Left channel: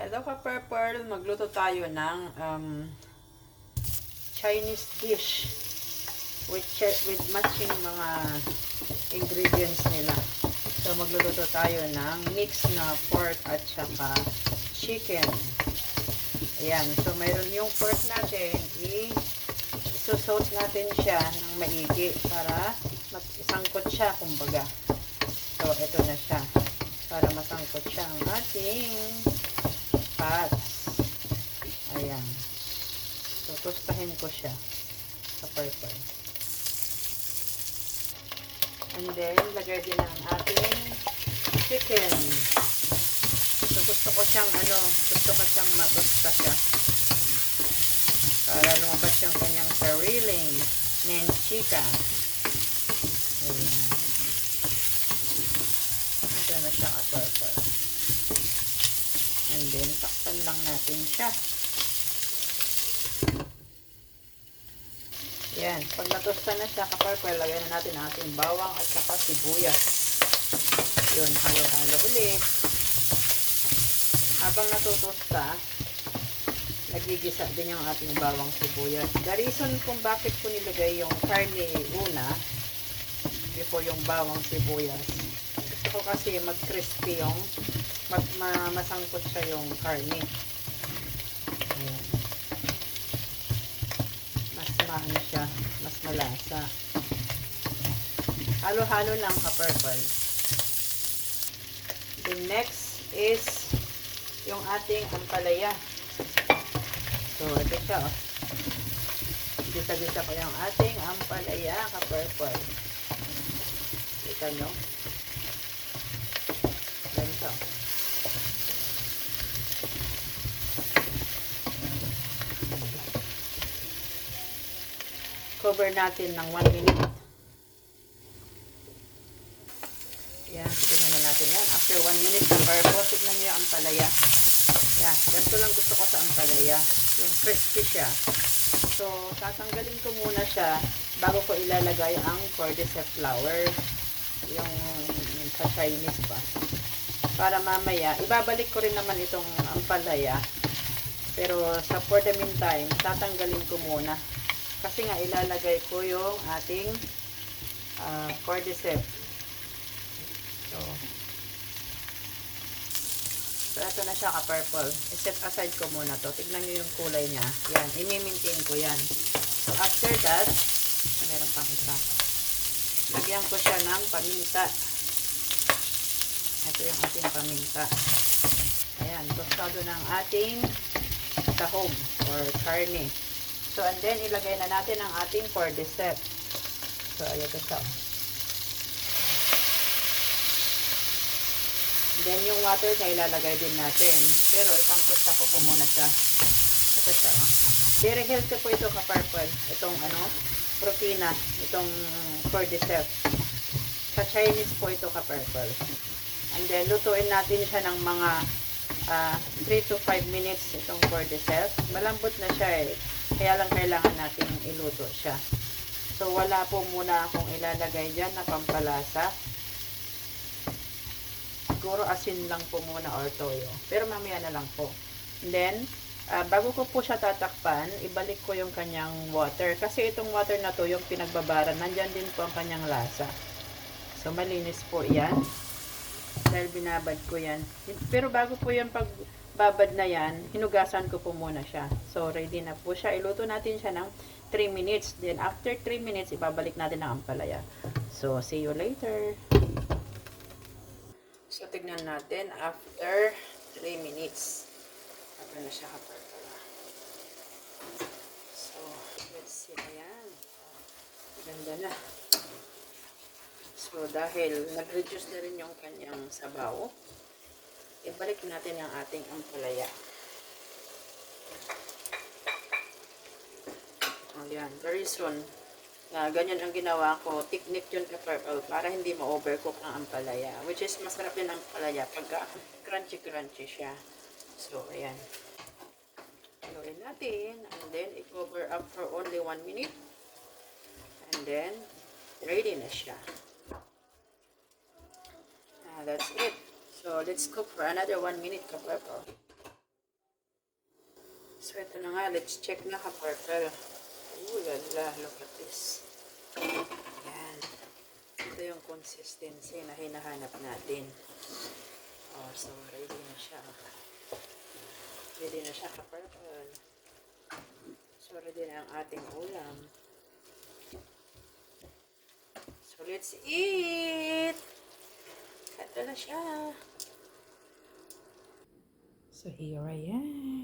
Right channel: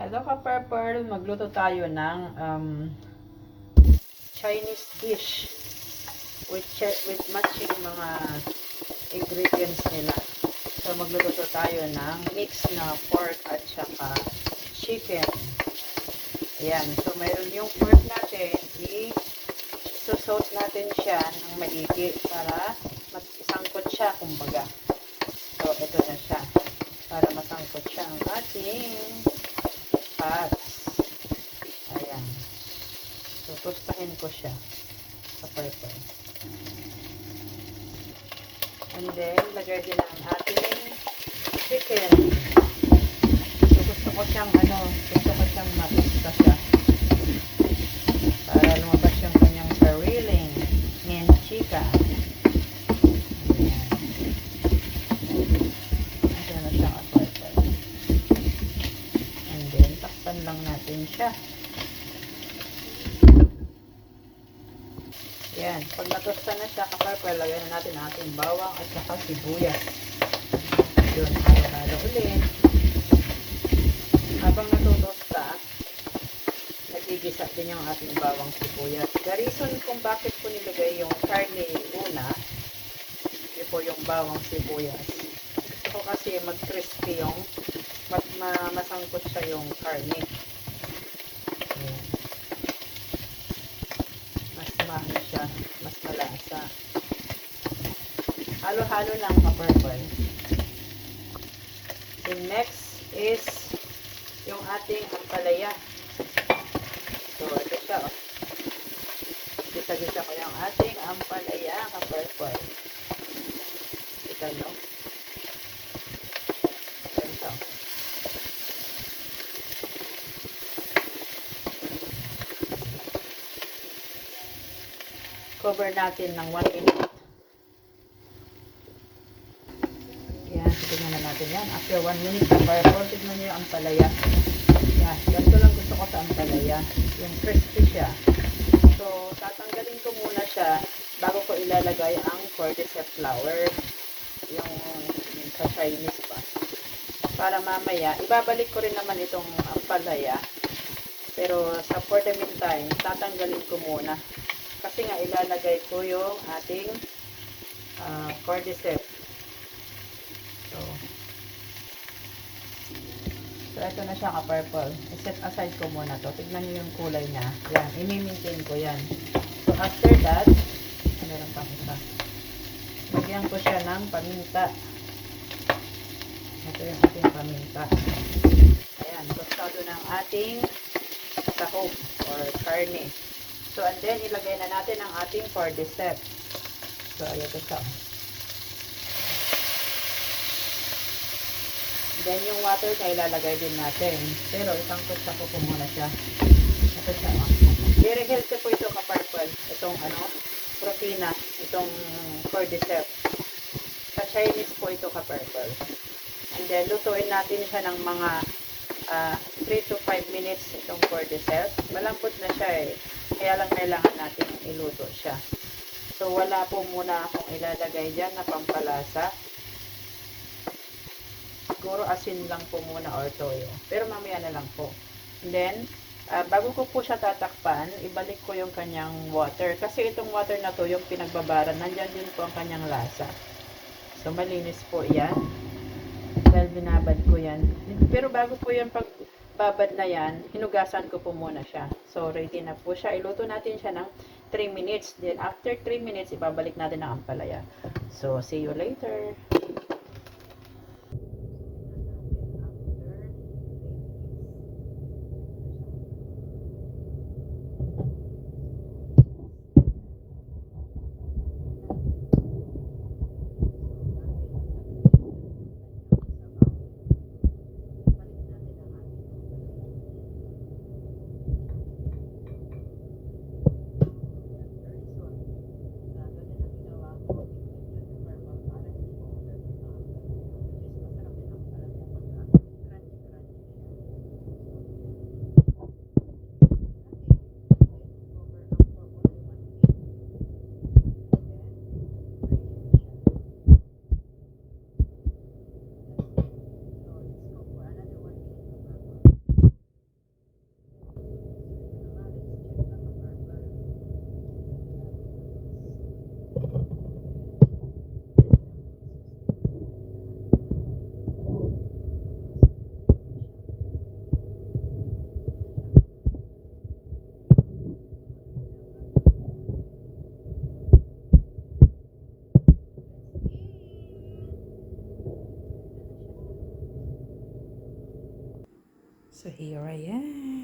Hello ka-purple, magluto tayo ng Chinese dish with matching mga ingredients nila. So magluto tayo ng mix na pork at saka chicken. Ayan, so mayroon yung pork natin, i-saute natin siya ng maigi para isangkot siya kumbaga. So ito na siya, para masangkot siya ang ating pats. Ayan. So, tustahin ko siya sa purple. And then, lagay din ang ating chicken. So, gusto ko siyang matusta siya. Para lumabas yung kanyang sariling manchika. Ayan. Ito na siya ang purple. And then, takpan lang natin siya. Yan. Pag natusta na siya, ka-purple, lagyan na natin ang ating bawang at saka sibuyas. Yun, halo-halo ulit. Habang natutusta, nagigisa din yung ating bawang sibuyas. The reason kung bakit ko nilagay yung karne una, before yung bawang sibuyas, gusto ko kasi mag-crispy yung masangkot siya yung karne. Ayan. Mas maano siya, mas malasa. Halo-halo lang ka-purple. The next is yung ating ampalaya. So, ito siya. Oh. Gisa-gisa ko yung ating ampalaya ka-purple. Ito, no? Ito. Cover natin ng 1 minute. Yan, tignan na natin yan. After 1 minute na purple, tignan nyo yung ampalaya. Yan, ganito lang gusto ko sa ampalaya. Yung crispy siya. So, tatanggalin ko muna siya bago ko ilalagay ang cordyceps flour. Yung sa Chinese ba. Para mamaya, ibabalik ko rin naman itong ampalaya. Pero for the meantime, tatanggalin ko muna. Kasi nga ilalagay ko yung ating cordyceps. So ito na siya ka-purple. I-set aside ko muna to. Tignan nyo yung kulay niya. Yan, i-maintain ko yan. So after that, meron pang isa. Lagyan ko siya ng paminta. Ito yung ating paminta. Ayan, tostado ng ating sahog or karne. So, and then, ilagay na natin ang ating cordyceps. So, ayan ito siya. Then, yung water na ilalagay din natin. Pero, isangkot sa ko muna siya. Ito siya. Very healthy po ito ka-purple. Itong, protina. Itong cordyceps. Sa Chinese po ito ka-purple. And then, lutuin natin siya ng mga 3 to 5 minutes itong cordyceps. Malambot na siya eh. Kaya lang kailangan natin iluto siya. So, wala po muna akong ilalagay dyan na pampalasa. Siguro asin lang po muna or toyo. Pero mamaya na lang po. And then, bago ko po siya tatakpan, ibalik ko yung kanyang water. Kasi itong water na to, yung pinagbabaran, nandyan din po ang kanyang lasa. So, malinis po yan. Dahil binabad ko yan. Pero bago po yung pagbabad na yan, hinugasan ko po muna siya. So, ready na po siya. Iluto natin siya ng 3 minutes. Then, after 3 minutes, ibabalik natin ang ampalaya. So, see you later. So, tignan natin after 3 minutes. Ano siya kapag. So, let's see. Ayan. Ganda na. So, dahil nag-reduce na rin yung kanyang sabaw, ibalik natin ang ating ampalaya. Ayan, very soon. Ganyan ang ginawa ko. Technique yun ka-purple para hindi ma-overcook ang ampalaya. Which is masarap din ang ampalaya pagka crunchy-crunchy siya. So, ayan. Gawin natin. And then, i-cover up for only 1 minute. And then, ready na siya. That's it. So let's cook for another 1 minute, ka-purple. nga, let's check na ka-partner. Ulala, look at this. Yan. Ito yung consistency na hinahanap natin. Oh, so, ready na siya. Ready na siya ka-partner. So, ready na ang ating ulam. So, let's eat! Ganda na siya. So, here I am.